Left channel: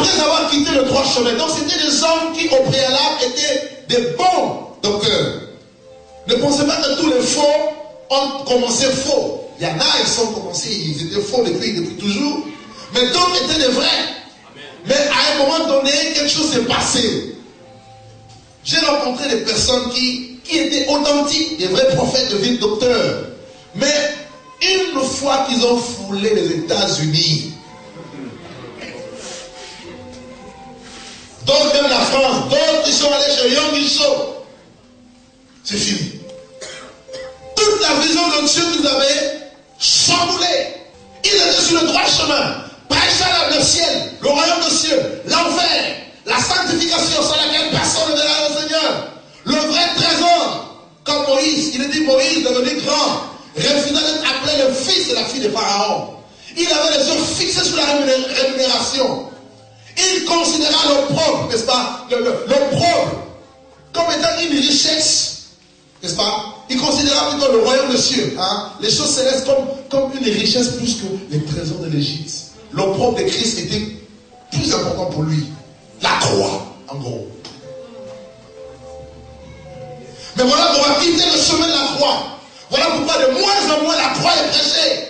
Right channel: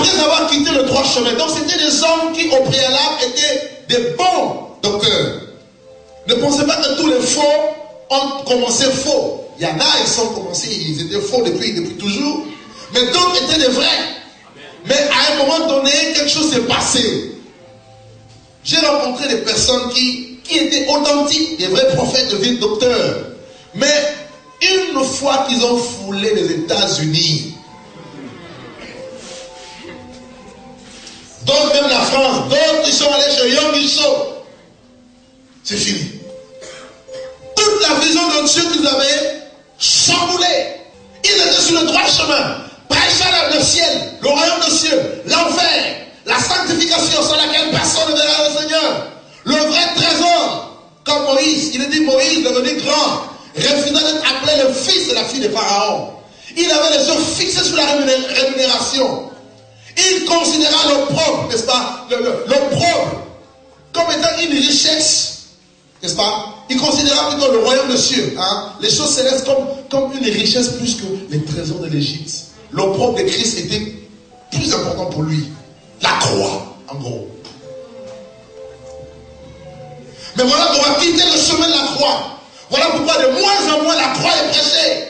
après avoir quitté le droit chemin. Donc c'était des hommes qui au préalable étaient des bons docteurs. Ne pensez pas que tous les faux ont commencé faux. Il y en a, ils ont commencé, ils étaient faux depuis toujours. Mais d'autres étaient des vrais. Mais à un moment donné, quelque chose s'est passé. J'ai rencontré des personnes qui étaient authentiques, des vrais prophètes, des vrais docteurs. Mais une fois qu'ils ont foulé les États-Unis, d'autres même la France, d'autres ils sont allés chez Young Ilso, c'est fini. Toute la vision de Dieu qu'ils avaient chamboulée. Ils étaient sur le droit chemin. Prêchant le ciel, le royaume des cieux, l'enfer, la sanctification sans laquelle personne ne verra le Seigneur. Le vrai trésor, comme Moïse, il est dit Moïse devenu grand, refusant d'être appelé le fils de la fille de Pharaon. Il avait les yeux fixés sur la rémunération. Il considéra l'opprobre, n'est-ce pas, l'opprobre comme étant une richesse, n'est-ce pas? Il considéra plutôt le royaume des cieux, hein, les choses célestes comme une richesse plus que les trésors de l'Égypte. L'opprobre de Christ était plus important pour lui. La croix, en gros. Mais voilà, on va quitter le chemin de la croix. Voilà pourquoi de moins en moins la croix est prêchée.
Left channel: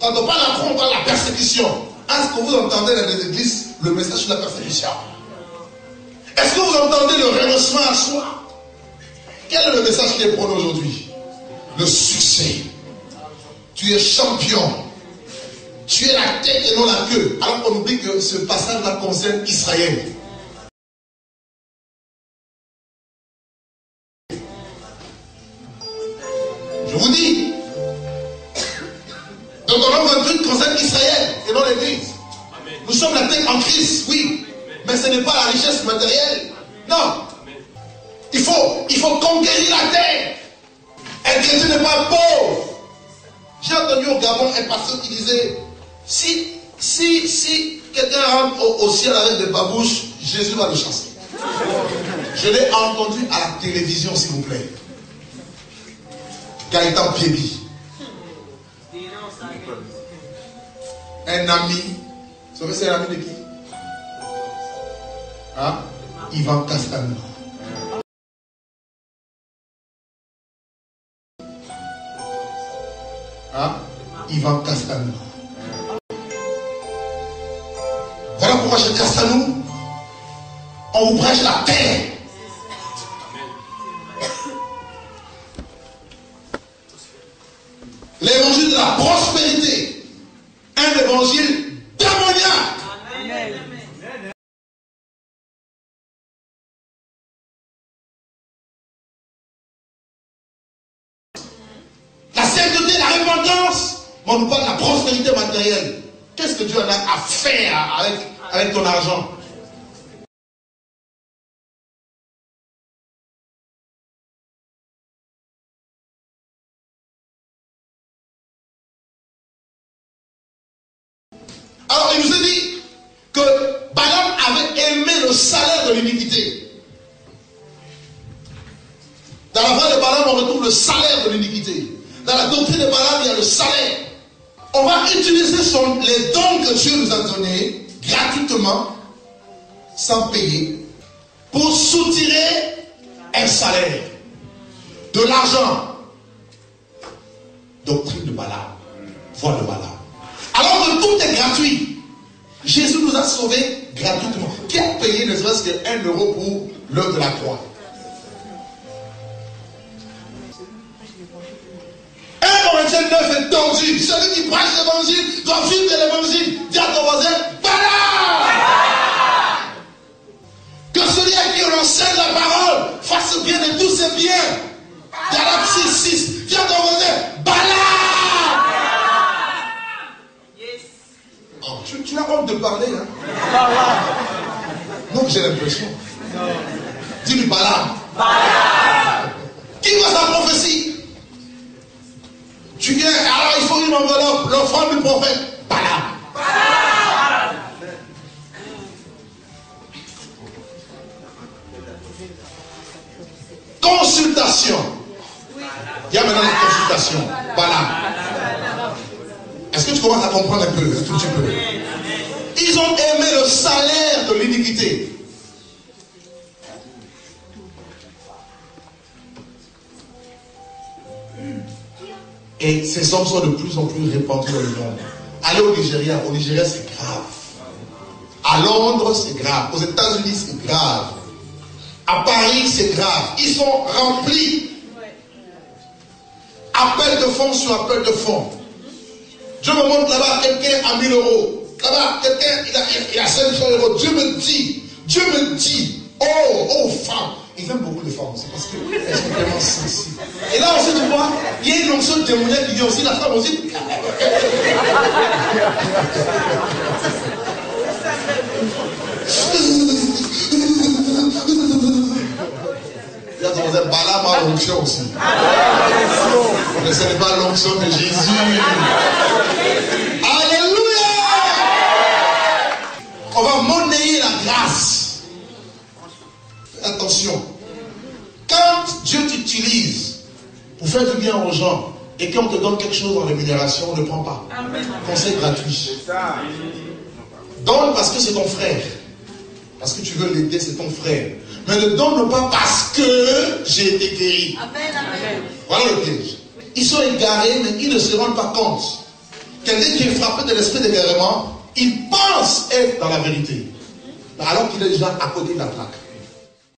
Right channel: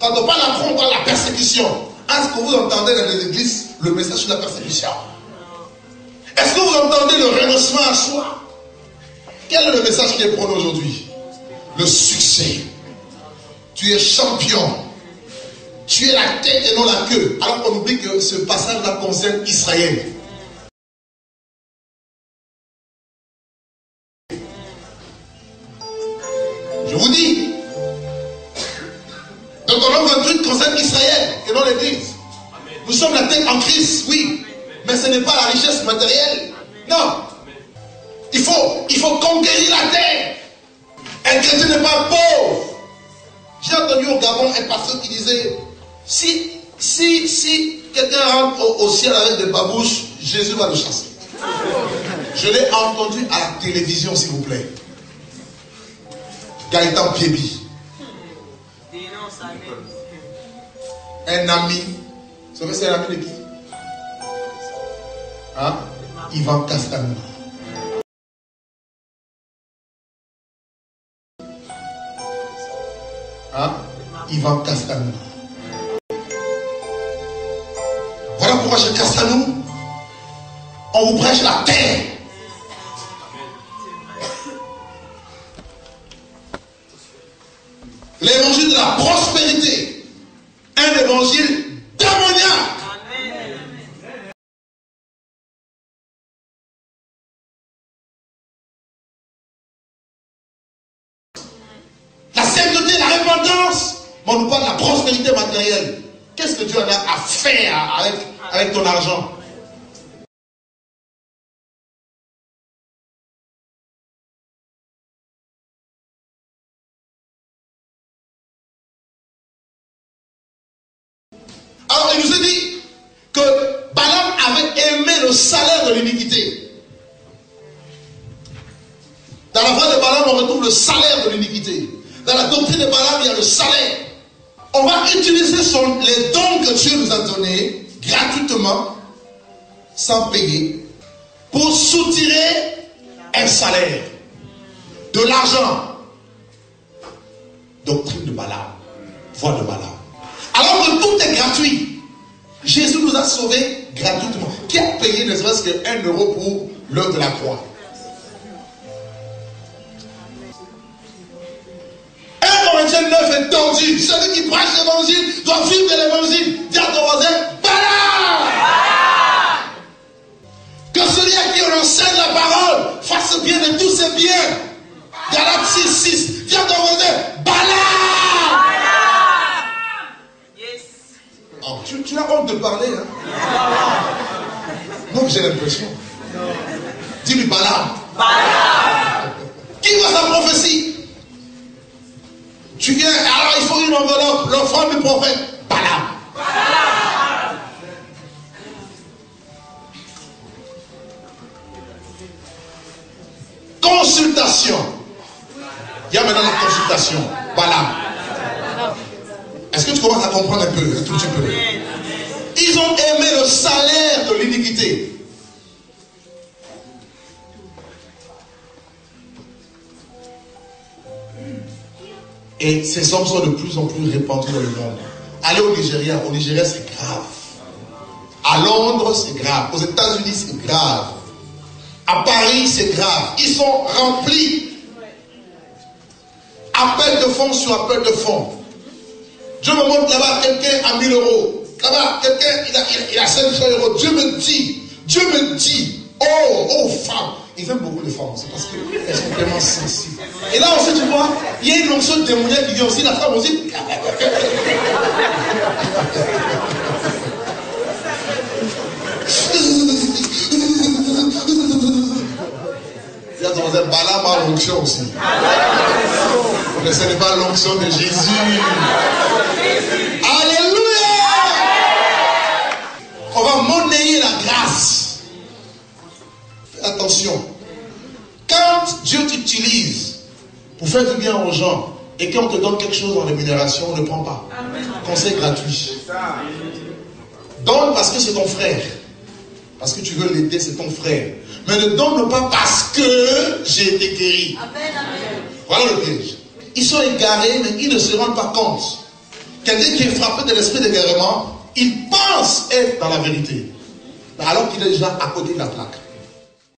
Quand on parle de la croix, on parle de la persécution. Est-ce que vous entendez dans les églises le message sur la persécution? Est-ce que vous entendez le renoncement à soi? Quel est le message qui est prôné aujourd'hui? Le succès. Tu es champion. Tu es la tête et non la queue. Alors qu'on oublie que ce passage-là concerne Israël. Je vous dis. Donc Romains 28 concerne Israël et non l'Église. Nous sommes la tête en Christ, oui. Mais ce n'est pas la richesse matérielle. Non. Il faut conquérir la terre. Un chrétien n'est pas pauvre. J'ai entendu au Gabon un pasteur qui disait, si quelqu'un rentre au ciel avec des babouches, Jésus va le chasser. Je l'ai entendu à la télévision, s'il vous plaît. Gaëtan Pébi. Un ami. Vous savez c'est un ami de qui? Hein? Ivan Castano. Hein? Ivan Castano. Voilà pourquoi chez Castano, on vous prêche la terre. L'évangile de la prospérité. Un évangile démoniaque. La sainteté, la repentance. Mais on nous parle de la prospérité matérielle. Qu'est-ce que Dieu en a à faire avec ton argent? Alors il nous a dit que Balaam avait aimé le salaire de l'iniquité. Dans la voie de Balaam, on retrouve le salaire de l'iniquité. Dans la doctrine de Balaam, il y a le salaire. On va utiliser les dons que Dieu nous a donnés gratuitement, sans payer, pour soutirer un salaire, de l'argent. Doctrine de Balaam, voie de Balaam. Alors que tout est gratuit. Jésus nous a sauvés gratuitement. Qui a payé ne serait-ce que 1 euro pour l'œuvre de la croix? 1 Corinthiens 9 est tordu. Celui qui prêche l'évangile doit vivre de l'évangile. Dis à ton voisin, Balaam! Que celui à qui on enseigne la parole fasse bien de tous ses biens. Galates 6:6. Dis à ton voisin, Balaam! Oh, tu as honte de parler, hein? Non, j'ai l'impression. Dis-lui Balaam. Balaam! Qui voit sa prophétie? Tu viens, alors il faut une enveloppe, l'offrande du prophète. Balaam. Balaam! Consultation. Il y a maintenant la consultation. Balaam. Est-ce que tu commences à comprendre un peu, un tout petit peu? Ils ont aimé le salaire Et ces hommes sont de plus en plus répandus dans le monde. Allez au Nigeria c'est grave. À Londres, c'est grave. Aux États-Unis, c'est grave. À Paris, c'est grave. Ils sont remplis. Appel de fonds sur appel de fonds. Dieu me montre là-bas, quelqu'un a 1000 euros. Là-bas, quelqu'un, il a 500 euros. Dieu me dit, oh, femme. Ils aiment beaucoup les femmes, c'est parce qu'elles sont tellement sensibles. Et là aussi, tu vois, il y a une onction démoniaque qui vient aussi, la femme aussi. C'est Balaam a l'onction aussi. Mais ce n'est pas l'onction de Jésus. Alléluia! On va monnayer la grâce. Fais attention. Quand Dieu t'utilise pour faire du bien aux gens et qu'on te donne quelque chose en rémunération, ne prends pas. Conseil gratuit. Donne parce que c'est ton frère. Parce que tu veux l'aider, c'est ton frère. Mais ne donne pas parce que j'ai été guéri. Voilà le piège. Ils sont égarés, mais ils ne se rendent pas compte. Quelqu'un qui est frappé de l'esprit d'égarement, il pense être dans la vérité. Alors qu'il est déjà à côté de la plaque.